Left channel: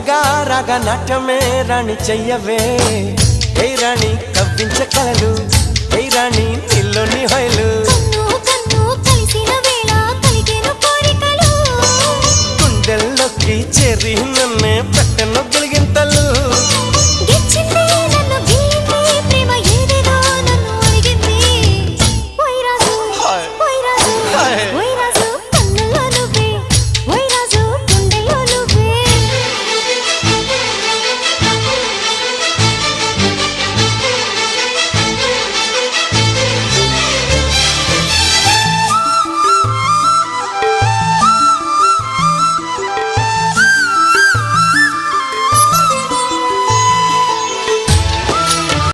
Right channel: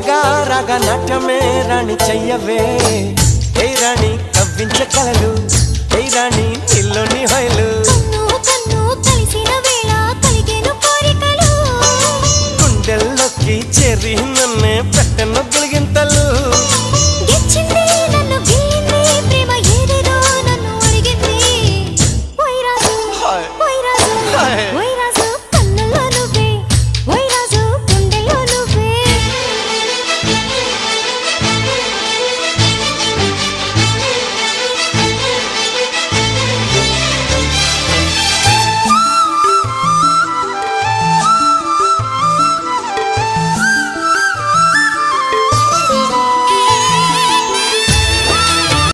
మెల్లగా రాగ నాట్యమే రాణి చెయ్యవే ఏ రాణి కవ్వించ కలలు ఏ రాణి నీలోని హొయలు కన్ను కన్ను కలిసిన వేళ కలిగేను కోరికలు గుండెల్లోకి చేరి నన్నే పెట్టను గిలిగింతలు గిచ్చింది